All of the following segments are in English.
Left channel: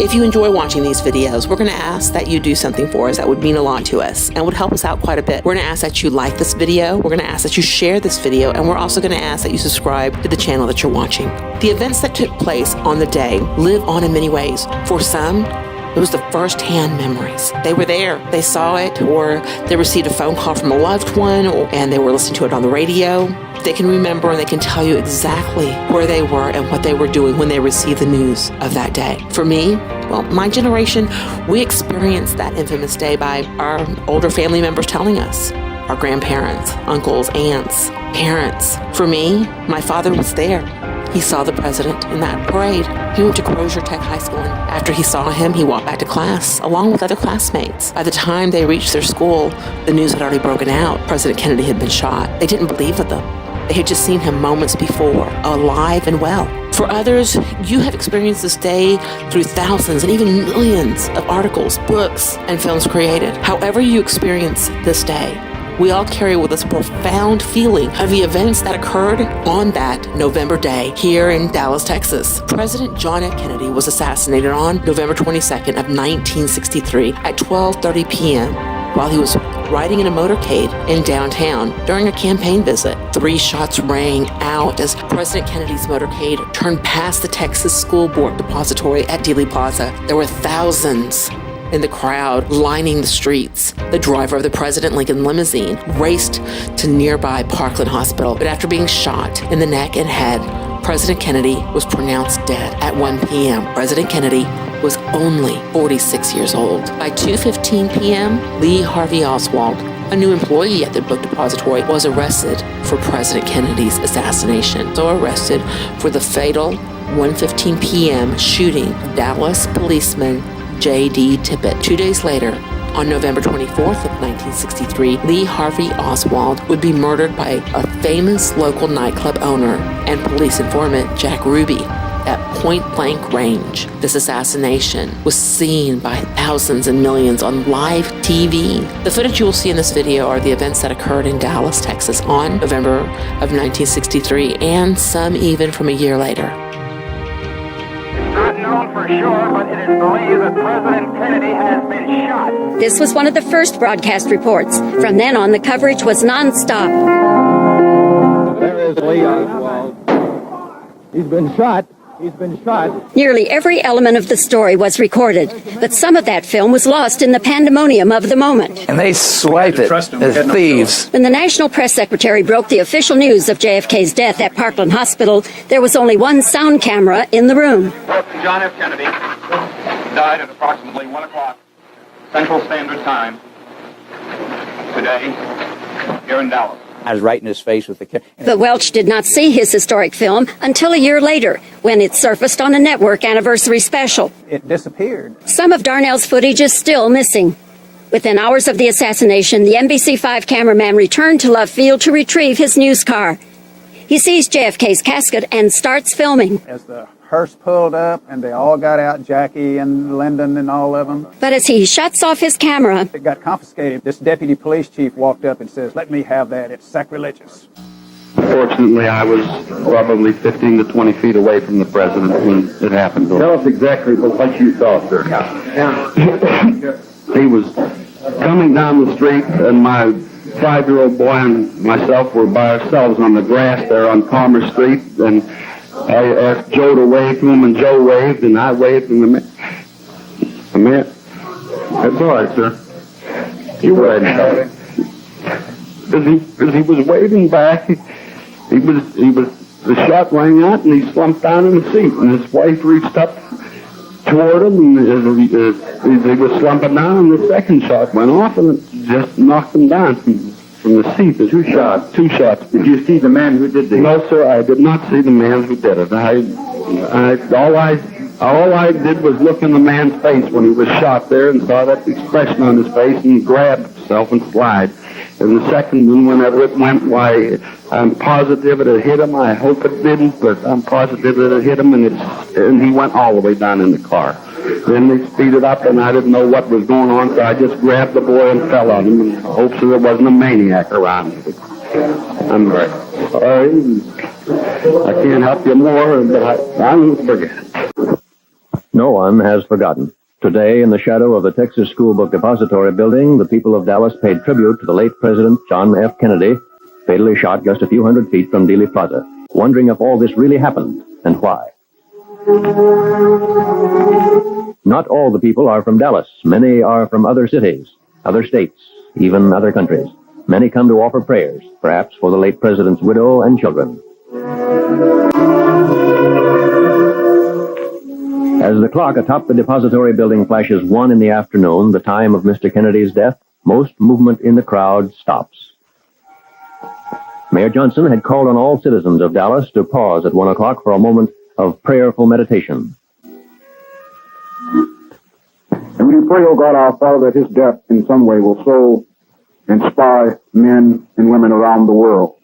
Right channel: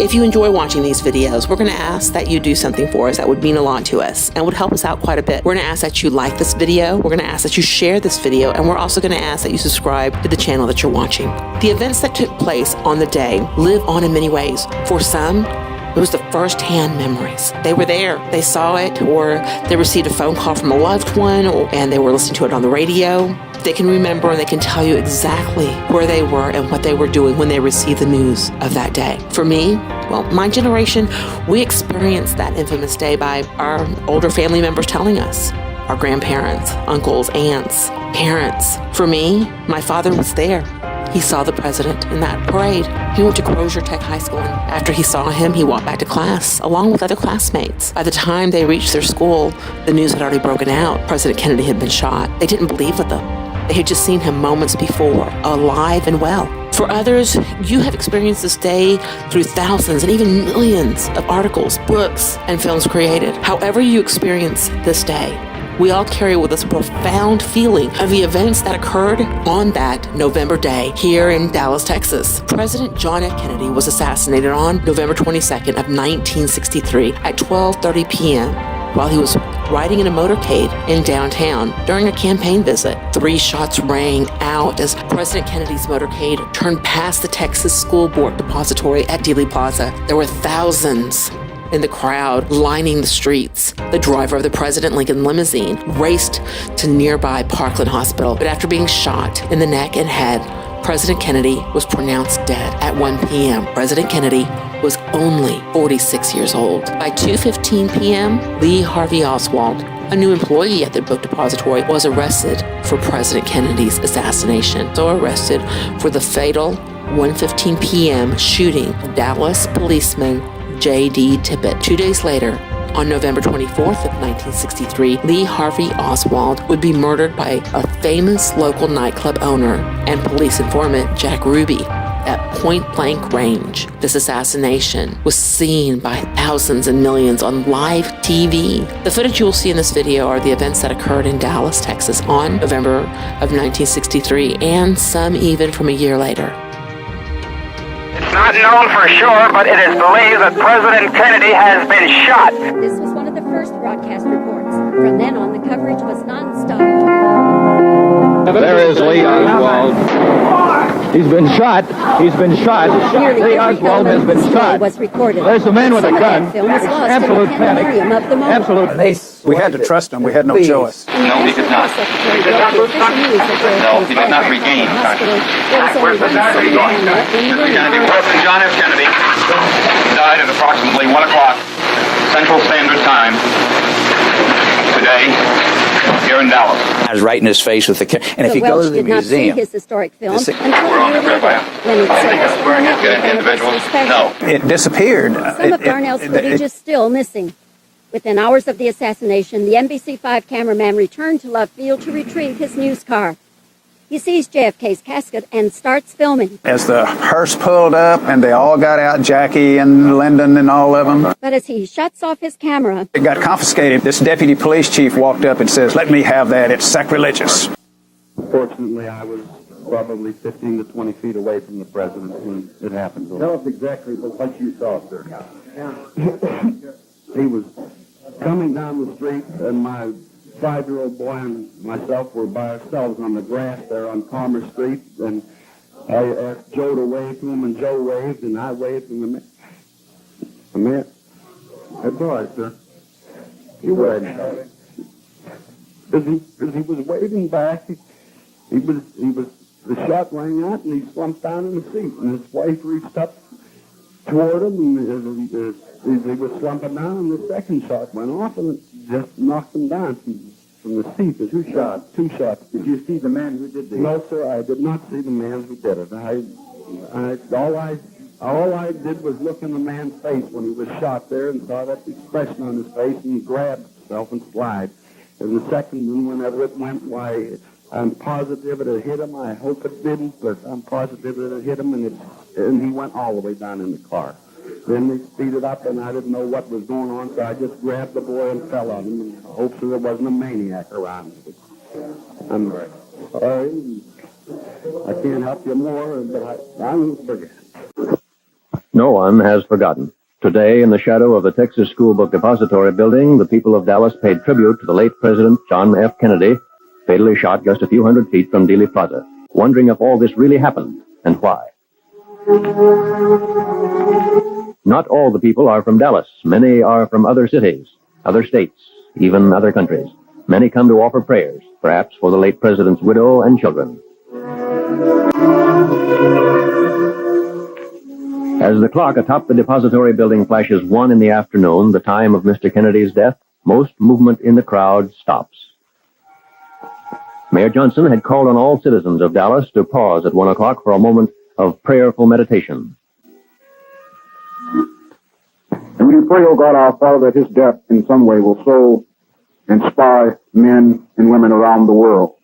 If you enjoy watching these videos, we're going to ask that you do something for us that would mean a lot to us and would help us out quite a bit. We're going to ask that you like this video, we're going to ask that you share this video, and we're also going to ask that you subscribe to the channel that you're watching. The events that took place on the day live on in many ways. For some, it was the first-hand memories. They were there, they saw it, or they received a phone call from a loved one, and they were listening to it on the radio. They can remember and they can tell you exactly where they were and what they were doing when they received the news of that day. For me, well, my generation, we experienced that infamous day by our older family members telling us. Our grandparents, uncles, aunts, parents. For me, my father was there. He saw the president in that parade. He went to Crozier Tech High School, and after he saw him, he walked back to class, along with other classmates. By the time they reached their school, the news had already broken out. President Kennedy had been shot. They didn't believe them. They had just seen him moments before, alive and well. For others, you have experienced this day through thousands and even millions of articles, books, and films created. However you experience this day, we all carry with us a profound feeling of the events that occurred on that November day here in Dallas, Texas. President John F. Kennedy was assassinated on November 22nd of 1963 at 12:30 p.m. while he was riding in a motorcade in downtown during a campaign visit. 3 shots rang out as President Kennedy's motorcade turned past the Texas School Board Depository at Dealey Plaza. There were thousands in the crowd lining the streets. The driver of the President Lincoln limousine raced to nearby Parkland Hospital, but after being shot in the neck and head, President Kennedy was pronounced dead at 1 p.m. President Kennedy was only 46 years old. By 2:15 p.m., Lee Harvey Oswald, a new employee at the book depository, was arrested for President Kennedy's assassination. So arrested for the fatal 1:15 p.m. shooting of Dallas policeman J.D. Tippit. 2 days later, on November 24th of 1963, Lee Harvey Oswald would be murdered by a famous local nightclub owner and police informant, Jack Ruby, at point-blank range. This assassination was seen by thousands and millions on live TV. The footage you will see in this video are the events that occurred in Dallas, Texas on November of 1963, and some even from a year later. Not known for sure, but it is believed that President Kennedy has been shot. This was one of the first broadcast reports. From then on, the coverage was nonstop. There is Lee Oswald. He's been shot. He's been shot. Nearly every element of the story was recorded, but some of that film was lost in the pandemonium of the moment. And they swiped it as thieves. When the National Press Secretary broke the official news of JFK's death at Parkland Hospital, there was only one sound camera in the room. President John F. Kennedy died at approximately 1 o'clock Central Standard Time today here in Dallas. I was right in his face with the and if But he Welch goes to the did not see museum, his historic film until a year later, when it surfaced on the network anniversary special. It disappeared. Some of Darnell's footage is still missing. Within hours of the assassination, the NBC5 cameraman returned to Love Field to retrieve his news car. He sees JFK's casket and starts filming. As the hearse pulled up and they all got out, Jackie and Lyndon and all of them. But as he shuts off his camera, It got confiscated. This deputy police chief walked up and says, "Let me have that. It's sacrilegious." Fortunately, I was probably 15 to 20 feet away from the president when it happened. Tell us exactly what you saw, sir. He was coming down the street, and my 5-year-old boy and myself were by ourselves on the grass there on Palmer Street, and I asked Joe to wave to him, and Joe waved, and I waved, and the man, that's all right, sir. You waved. As he was waving back, the shot rang out, and he slumped down in the seat, and his wife reached up toward him, and as he was slumping down, the second shot went off, and it just knocked him down from the seat. Two shots. Did you see the man who did this? No, sir, I did not see the man who did it. All I did was look in the man's face when he was shot there and saw that expression on his face and grabbed himself and slide. And the second one, whenever it went, why, I'm positive it had hit him. I hope it didn't, but I'm positive it had hit him, and he went all the way down in the car. Then they speeded up, and I didn't know what was going on, so I just grabbed the boy and fell on him in hopes that there wasn't a maniac around. I'm very sorry. I can't help you more, but I won't forget. No one has forgotten. Today, in the shadow of the Texas School Book Depository building, the people of Dallas paid tribute to the late President John F. Kennedy, fatally shot just a few hundred feet from Dealey Plaza, wondering if all this really happened and why. Not all the people are from Dallas. Many are from other cities, other states, even other countries. Many come to offer prayers, perhaps for the late president's widow and children. As the clock atop the depository building flashes 1 in the afternoon, the time of Mr. Kennedy's death, most movement in the crowd stops. Mayor Johnson had called on all citizens of Dallas to pause at 1 o'clock for a moment of prayerful meditation. And we pray, O God our Father, that his death in some way will so inspire men and women around the world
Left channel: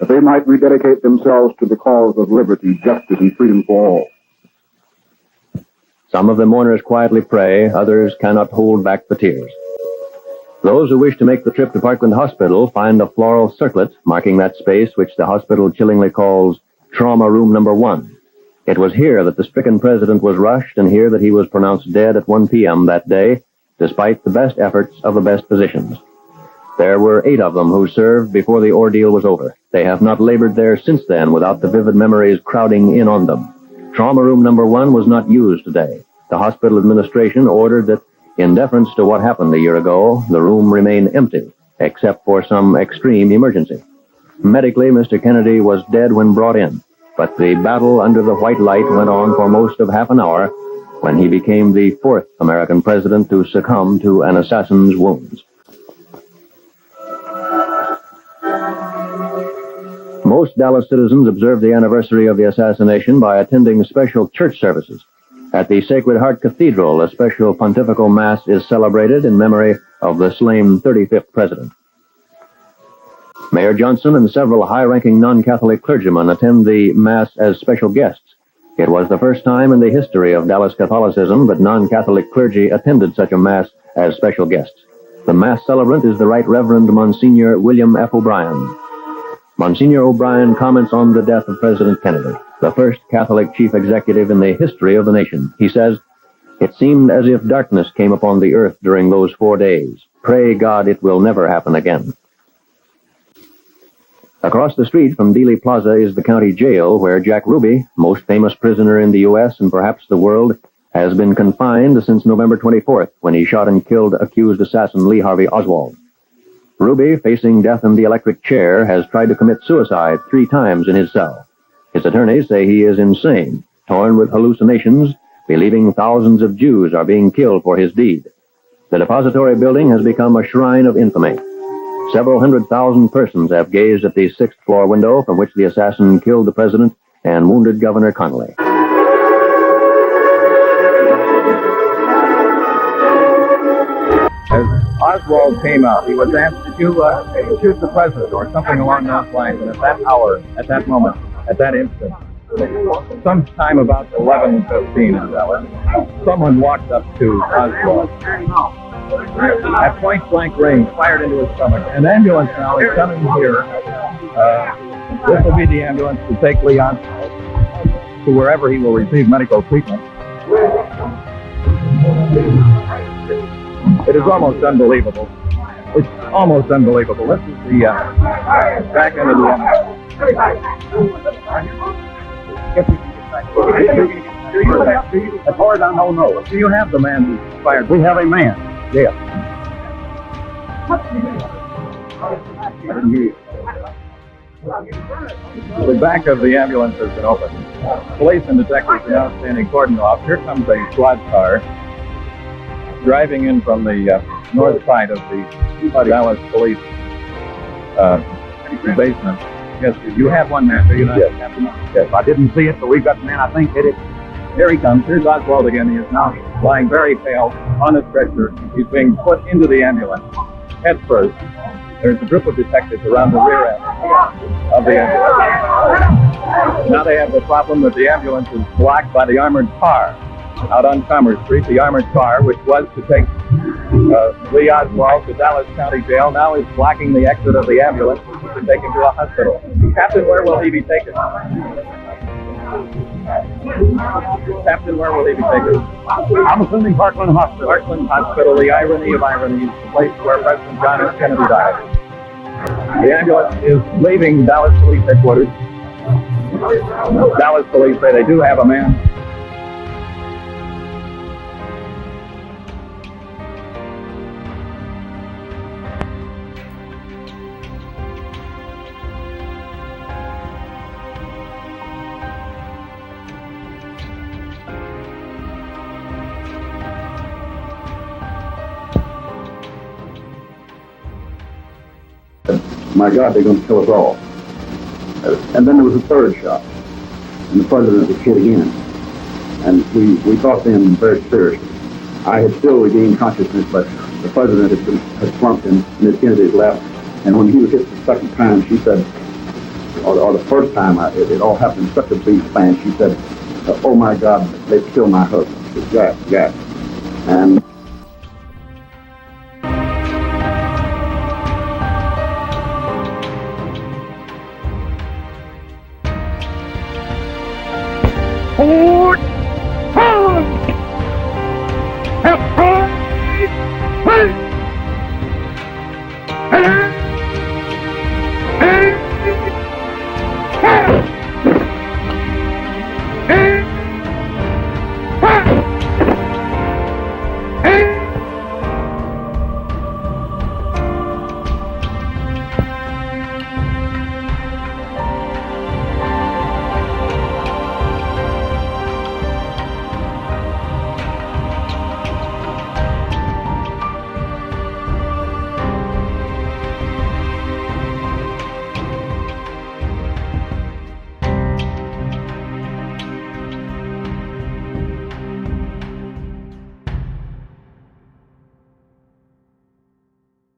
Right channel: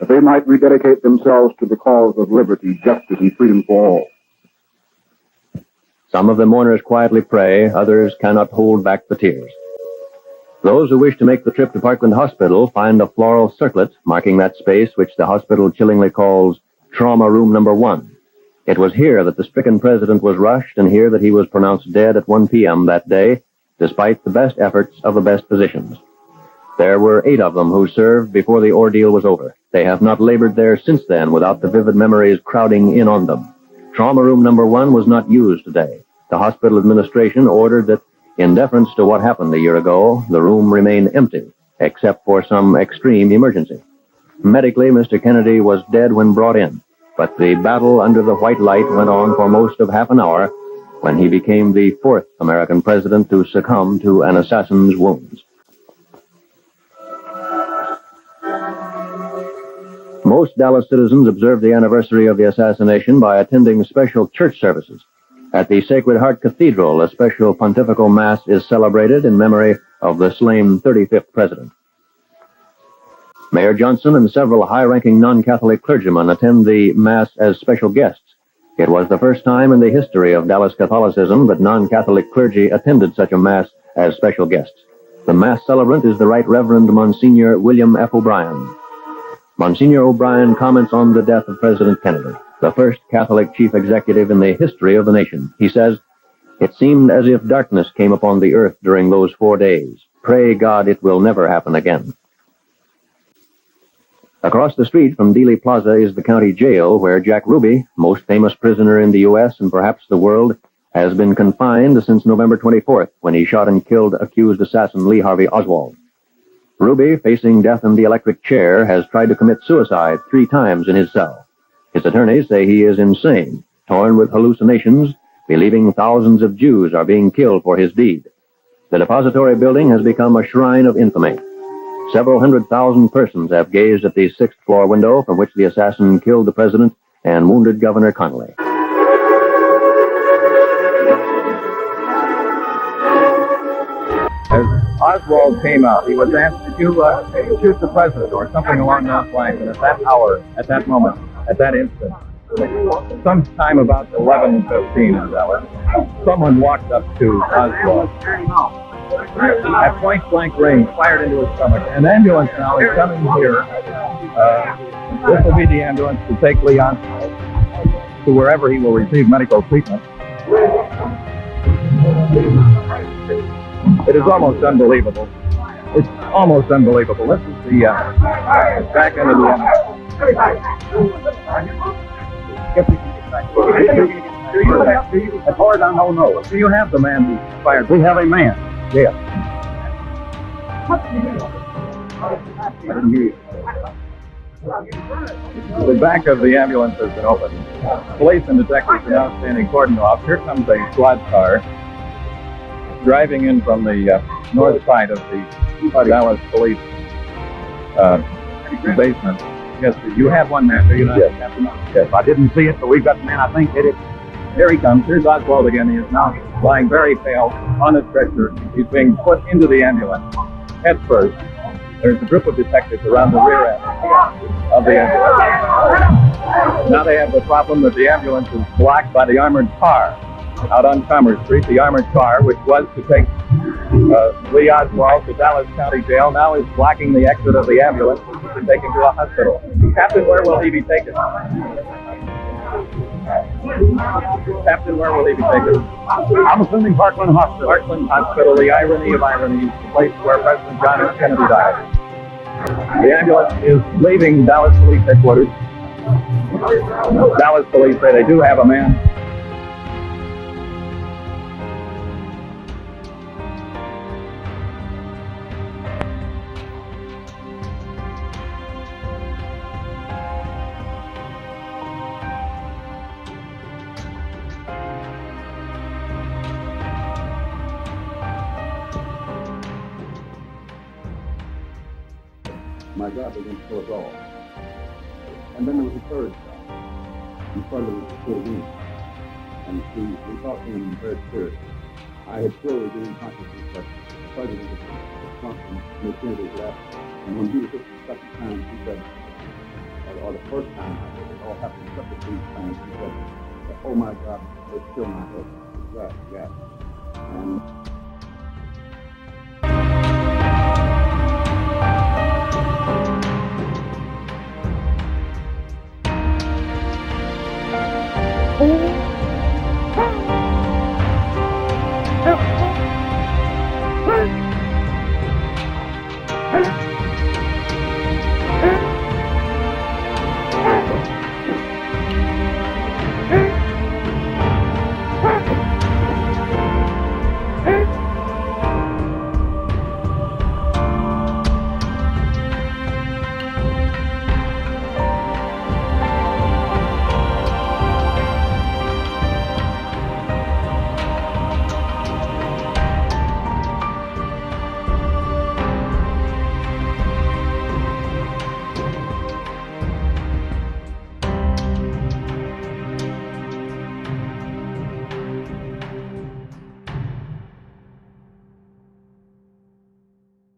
that they might rededicate themselves to the cause of liberty, justice, and freedom for all. Some of the mourners quietly pray, others cannot hold back the tears. Those who wish to make the trip to Parkland Hospital find a floral circlet marking that space which the hospital chillingly calls Trauma Room Number 1. It was here that the stricken president was rushed and here that he was pronounced dead at 1 p.m. that day, despite the best efforts of the best physicians. There were 8 of them who served before the ordeal was over. They have not labored there since then without the vivid memories crowding in on them. Trauma Room Number 1 was not used today. The hospital administration ordered that, in deference to what happened a year ago, the room remain empty, except for some extreme emergency. Medically, Mr. Kennedy was dead when brought in, but the battle under the white light went on for most of half an hour when he became the 4th American president to succumb to an assassin's wounds. Most Dallas citizens observed the anniversary of the assassination by attending special church services. At the Sacred Heart Cathedral, a special pontifical mass is celebrated in memory of the slain 35th president. Mayor Johnson and several high-ranking non-Catholic clergymen attend the mass as special guests. It was the first time in the history of Dallas Catholicism that non-Catholic clergy attended such a mass as special guests. The mass celebrant is the Right Reverend Monsignor William F. O'Brien. Monsignor O'Brien comments on the death of President Kennedy, the first Catholic chief executive in the history of the nation. He says, "It seemed as if darkness came upon the earth during those 4 days. Pray God it will never happen again." Across the street from Dealey Plaza is the county jail where Jack Ruby, most famous prisoner in the U.S. and perhaps the world, has been confined since November 24th when he shot and killed accused assassin Lee Harvey Oswald. Ruby, facing death in the electric chair, has tried to commit suicide 3 times in his cell. His attorneys say he is insane, torn with hallucinations, believing thousands of Jews are being killed for his deed. The depository building has become a shrine of infamy. Several 100,000 persons have gazed at the 6th-floor window from which the assassin killed the president and wounded Governor Connally. As Oswald came out, he was asked, "Did you shoot the president?" or something along those lines. And at that hour, at that moment, at that instant, sometime about 11:15 in Dallas, someone walked up to Oswald at point-blank range, fired into his stomach. An ambulance now is coming here. This will be the ambulance to take Lee Oswald to wherever he will receive medical treatment. It is almost unbelievable. It's almost unbelievable. This is the back end of the ambulance. As far as I know. Do you have the man who fired? We have a man. Yes. The back of the ambulance has been opened. Police and detectives are now standing cordoned off. Here comes a squad car driving in from the north side of the Dallas police basement. Yes, you have one man, do you not? Yes. Yes, I didn't see it, but we've got the man, I think, hit it. Here he comes. Here's Oswald again. He is now lying very pale on a stretcher. He's being put into the ambulance head first. There's a group of detectives around the rear end of the ambulance. Now they have the problem that the ambulance is blocked by the armored car out on Commerce Street. The armored car, which was to take Lee Oswald to Dallas County Jail, now is blocking the exit of the ambulance, which is to take him to a hospital. Captain, where will he be taken? Captain, where will he be taken? I'm assuming Parkland Hospital. Parkland Hospital, the irony of ironies, the place where President John Kennedy died. The ambulance is leaving Dallas Police Headquarters. Dallas Police say they do have a man. My God, they're going to kill us all. And then there was a third shot, and the president was hit again. And we thought then very seriously. I had still regained consciousness, but the president had slumped and Ms. Kennedy had left. And when he was hit the second time, she said, or the first time, it all happened in such a brief span, she said, oh my God, they killed my husband. Jack. And